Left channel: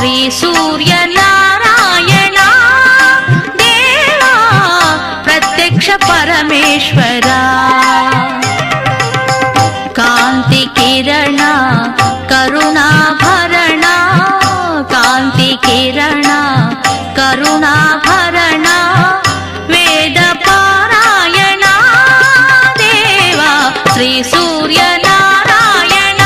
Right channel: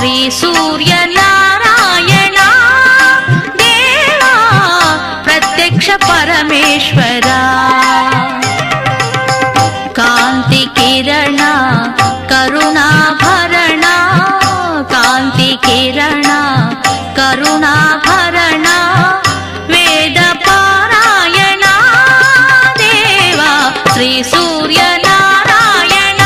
ಶ್ರೀ ಸೂರ್ಯನಾರಾಯಣ ದೇವಾ ಪ್ರತ್ಯಕ್ಷ ಪರಮೇಶ್ವರ ಕಾಂತಿ ಕಿರಣ ಕರುಣಾಭರಣ ಕಾಂತಿ ಕಿರಣ ಕರುಣಾಭರಣ ವೇದ ಪಾರಾಯಣ ದೇವಾ ಶ್ರೀ ಸೂರ್ಯನಾರಾಯಣ